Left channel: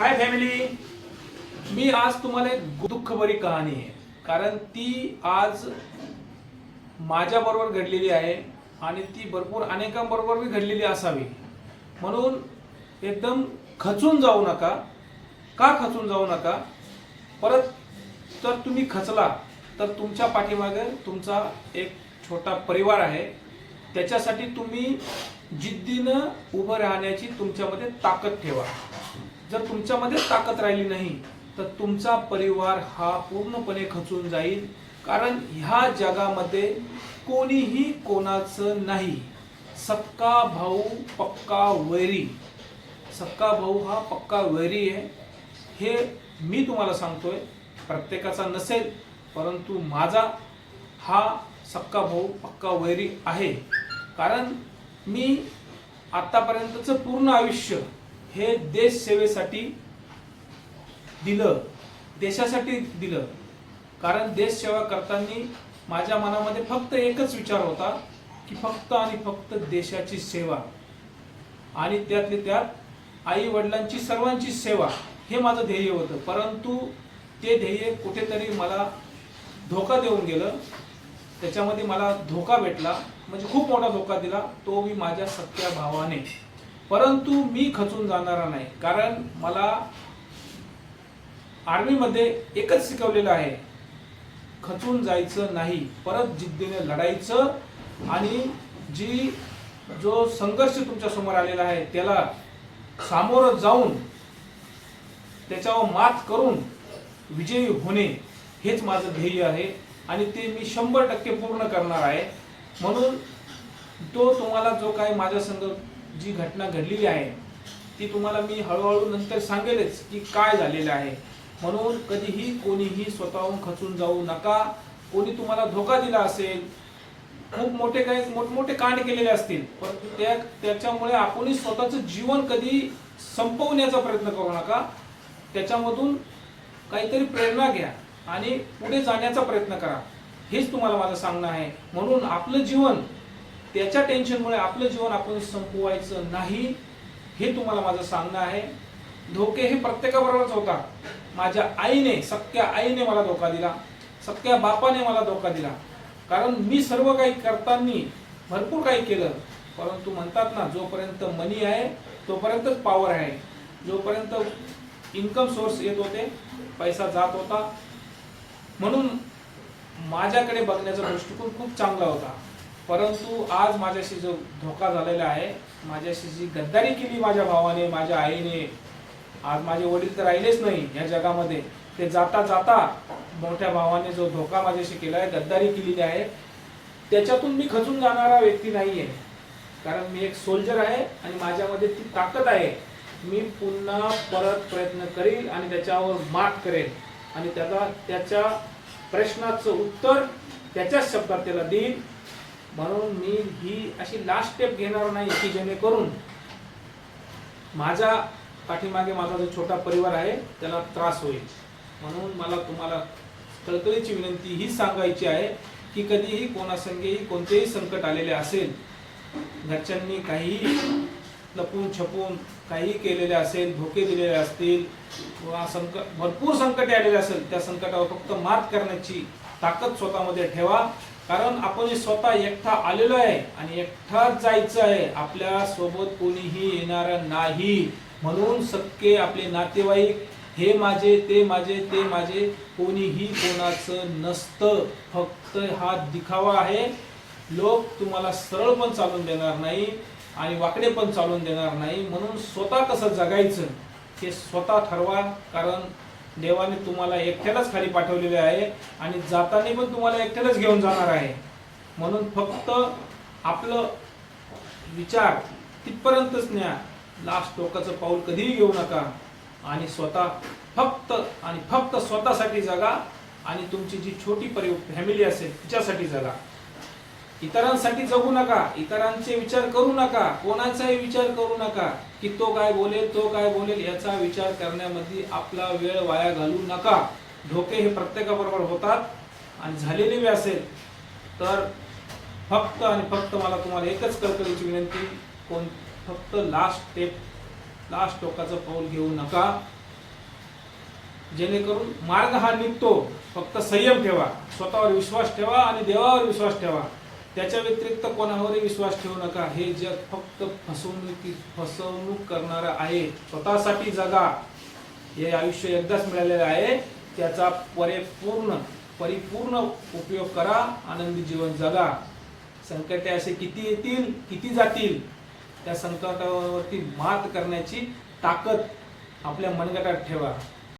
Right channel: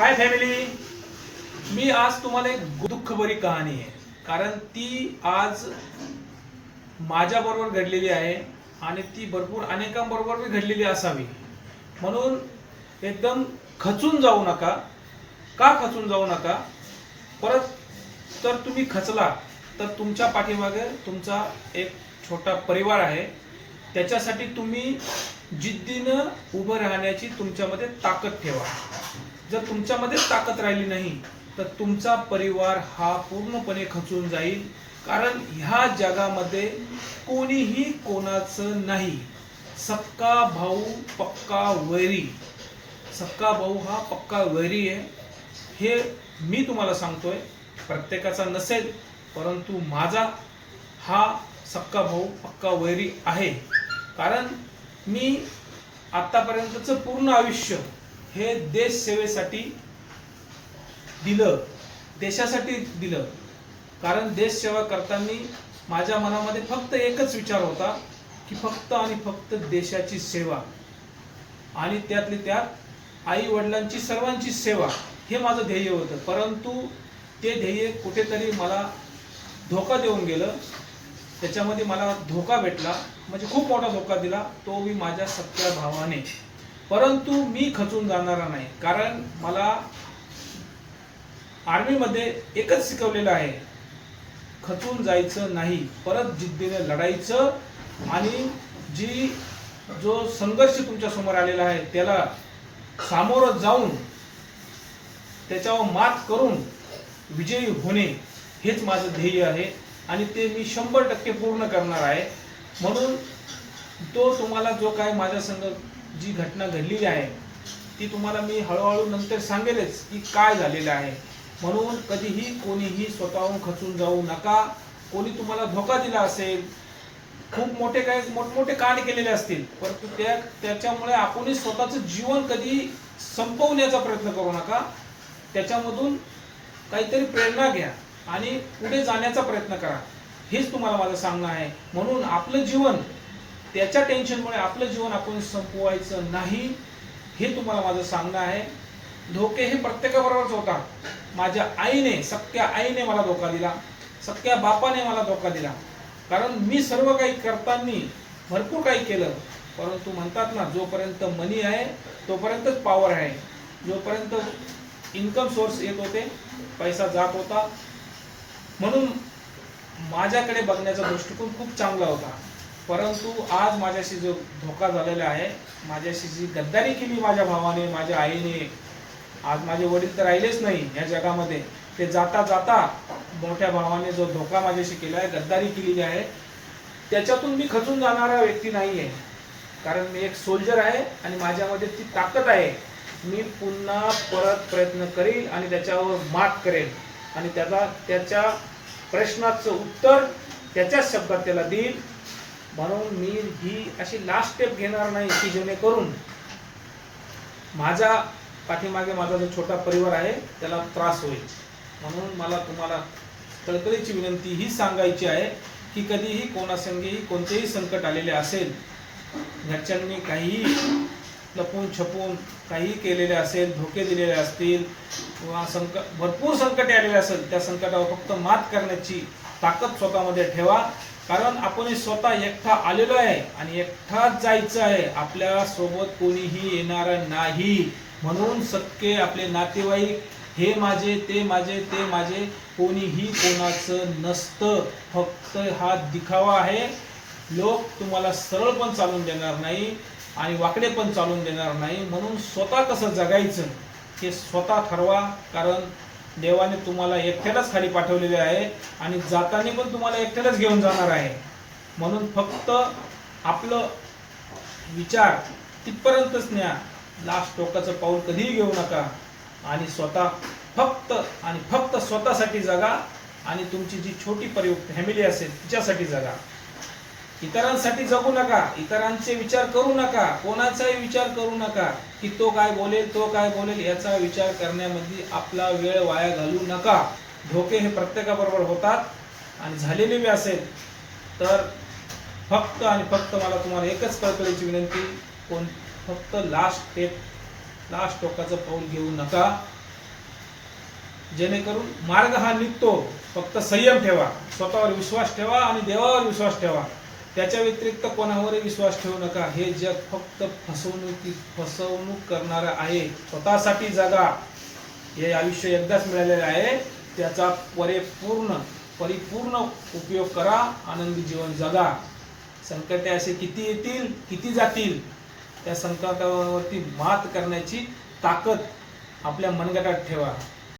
Hi family मी आज तुम्हाला एक दुःखभरी कहाणी आहे. कारण ती आज माझ्याबरोबर घडलेली आहे आणि ती भरपूर अनेकांबरोबर मी घडलेली असावी. म्हणून एकदम खचून जाऊ नका. का खचून जाऊ नका? परत तर तुम्ही खचला तर तुमच्या पाठीमागे तुमचा एक छोटा परिवार आहे. त्याच्यासाठी तुम्ही जिद्दीनं उभं राहण्याची तुमच्यामध्ये ताकद ठेवा. जर तुमच्यामध्ये ताकद राहिली नाही तर तुमचा परिवार हा पूर्णपणे खचून जाईल. कारण ह्या जगामध्ये कोणीही कोणाचं नाही. सक्का भाऊ पक्का वैरी. सक्का भाऊ हा पक्का वैरी आहे. हे मी तुम्हाला सांगतोय प्रत्येकाचा नसेल परंतु माझा हा सक्का भाऊ पक्का वैरी आहे. कारण मी आतापर्यंतचं पूर्ण आयुष्य हे देश सेवेसाठी दिलं देशासाठी दिलं. कारण देश सेवा करताना माझ्या मनामध्ये फक्त एकच विचार होता की फक्त आणि फक्त देशाची सेवा. आणि त्यातले त्यात आई वडिलांची सर्वांची सेवा हे माझं ध्येय होतं. परंतु ते ध्येय कुठेतरी मला धोका देऊन गेलं. त्याच्यामध्ये मला धोका भेटला. म्हणजे खूप मोठा धोका दिला. तो मी माझ्या सख्या भावाने परंतु मी खचून जाणारा नाही. कारण मला आर्मीमध्ये एकच शिकवलेलं आहे खचून जायचं नाही परत जिद्दीने लढायचं आणि जी जो संघर्ष तुमच्यासमोर आलेला आहे त्याला सामोरं जाऊन त्याच्यावर मात करून विजयी होणे हेच माझं ध्येय आहे आणि ते मी शंभर टक्के पूर्ण करणार आहे. म्हणून तो तुम्हाला जो काय माझ्या संग जी घटना घडलेली आहे ती तुम्हाला मी हळूहळू नंतर सांगेलच की काय झालेलं आहे. म्हणून कधीही कोणीही स्वतःहून खचून जाऊ नका. कोणी तुम्हाला धोका दिला असेल खूप मोठे काही मोठमोठे कांड केलेले असतील परंतु त्या त्याच्यामुळे आपणही स्वतःचं जीवन कधी संपवण्याचा प्रयत्न करू नका. त्याच्यामधून काहीतरी प्रेरणा घ्या आणि पुढे जाण्याचा प्रयत्न करा. हेच तुम्हाला माझं सांगणं आहे. म्हणून आपलं जीवन त्याच्या टेन्शनमुळे आपलं जीवन आपण संपवायचं नाही हे तुम्हाला माझं सांगणं आहे. धोके हे प्रत्येकाबरोबरच होता. माझ्या आईने सख्या आईने मला धोका दिला. सख्या बापाने मला धोका दिला. कारण मी सर्व काही करताना भरपूर काही केलं. परंतु म्हणतात ना जोपर्यंत मनी आहे तोपर्यंतच पॉवर आहे. जोपर्यंत इन्कम सोर्स येत होते पैसा जात होता. म्हणून माझ्याकडे बघण्याचा दृष्टिकोन खूप चांगला होता. परंतु आज माझ्याशी जो धोका झालेला आहे माझ्याशी जी गद्दारी केली माझ्या भावाने माझ्या आईने आज माझे वडील तर राहिलेच नाही या जगामध्ये. ते जाता जाता मोठ्या भावाने जो धोका माझ्याशी केला आहे गद्दारी केलेली आहे त्याच्यातून मी खचून जाणारा व्यक्ती नाही आहे कारण मी एक सोल्जर आहे आणि माझ्यामध्ये ती ताकद आहे. मी पुन्हा परत प्रयत्न करील आणि त्याच्यावर मात करेल. आणि त्याचा त्याच्या प्रश्नाचं उत्तर त्याच्याच शब्दात त्याला देईल. म्हणून मी ही अशी लास्ट स्टेप घेणार नाही की जेणेकरून माझ्या पाठीमागे माझा जो छोटा परिवार आहे त्याला त्रास होईल. म्हणून मला तुम्हाला तळकळीची विनंती ही सांगायची आहे की कधीही कोणासंगेही कोणतेही संकट आलेले असेल घरच्यांनी काहीही लपून छपून काही केलेले असेल धोके दिलेले असतील किंवा संकट भरपूर संकटे आलेले असेल त्या संकटावर फक्त मात करण्याची ताकद स्वतःमध्ये ठेवा. कारण आपण स्वतः एकटा आलेलो आहे आणि एकटाच जायचं आहे. आपल्यासोबत कोणीही येणार नाही. म्हणून सख्खे आपले नातेवाईक हे माझे ते माझे ते माझे कोणीही कोणाचं नसतं. फक्त हा दिखावा आहे. लोक तुम्हाला सरळ पण चालून देणार नाही आणि वाकडे पण चालून देणार नाही. म्हणून स्वतः कसं जगायचं हे स्वतः ठरवा. कारण देवाने तुम्हाला एकट्यालाच खाली पाठवलेले आहे आणि जाताना पण तुम्हाला एकट्यालाच घेऊन जाणार आहे. म्हणून फक्त आपलं विचार तिथपर्यंतच न्या. लास्ट टोकाचं पाऊल कधीही घेऊ नका. आणि स्वतः फक्त आणि फक्त स्वतःसाठी जगा आणि तुमची जी छोटी परि फॅमिली असेल तिच्यासाठी जगा. इतरांसाठी जगू नका इतरांचे विचार करू नका कोणाचाही विचार करू नका की तो काय बोलेल तो काय बोलेल याचा विचार करण्यामध्ये आपला वेळ वाया घालू नका. धोके हे प्रत्येकाबरोबर होतात आणि झालेले बी असेल तर फक्त आणि फक्त मला तुम्हाला एकच कळकळीची विनंती कोण फक्त लास्ट टेप लास्ट टोकाचं पाऊल घेऊ नका. जेणेकरून मार्ग हा निघतो. फक्त संयम ठेवा. स्वतःवर विश्वास ठेवा आणि देवावर विश्वास ठेवा. त्याच्या व्यतिरिक्त कोणावरही विश्वास ठेवू नका. हे जग फक्त फसवणुकी फसवणूक करणारं आहे. स्वतःसाठी जगा. हे आयुष्य एकदाच मिळालेलं आहे. त्याचा परिपूर्ण परिपूर्ण उपयोग करा. आनंदी जीवन जगा. संकटे असे किती येतील किती जातील त्या संकटावरती मात करण्याची ताकद आपल्या मनगटात ठेवा.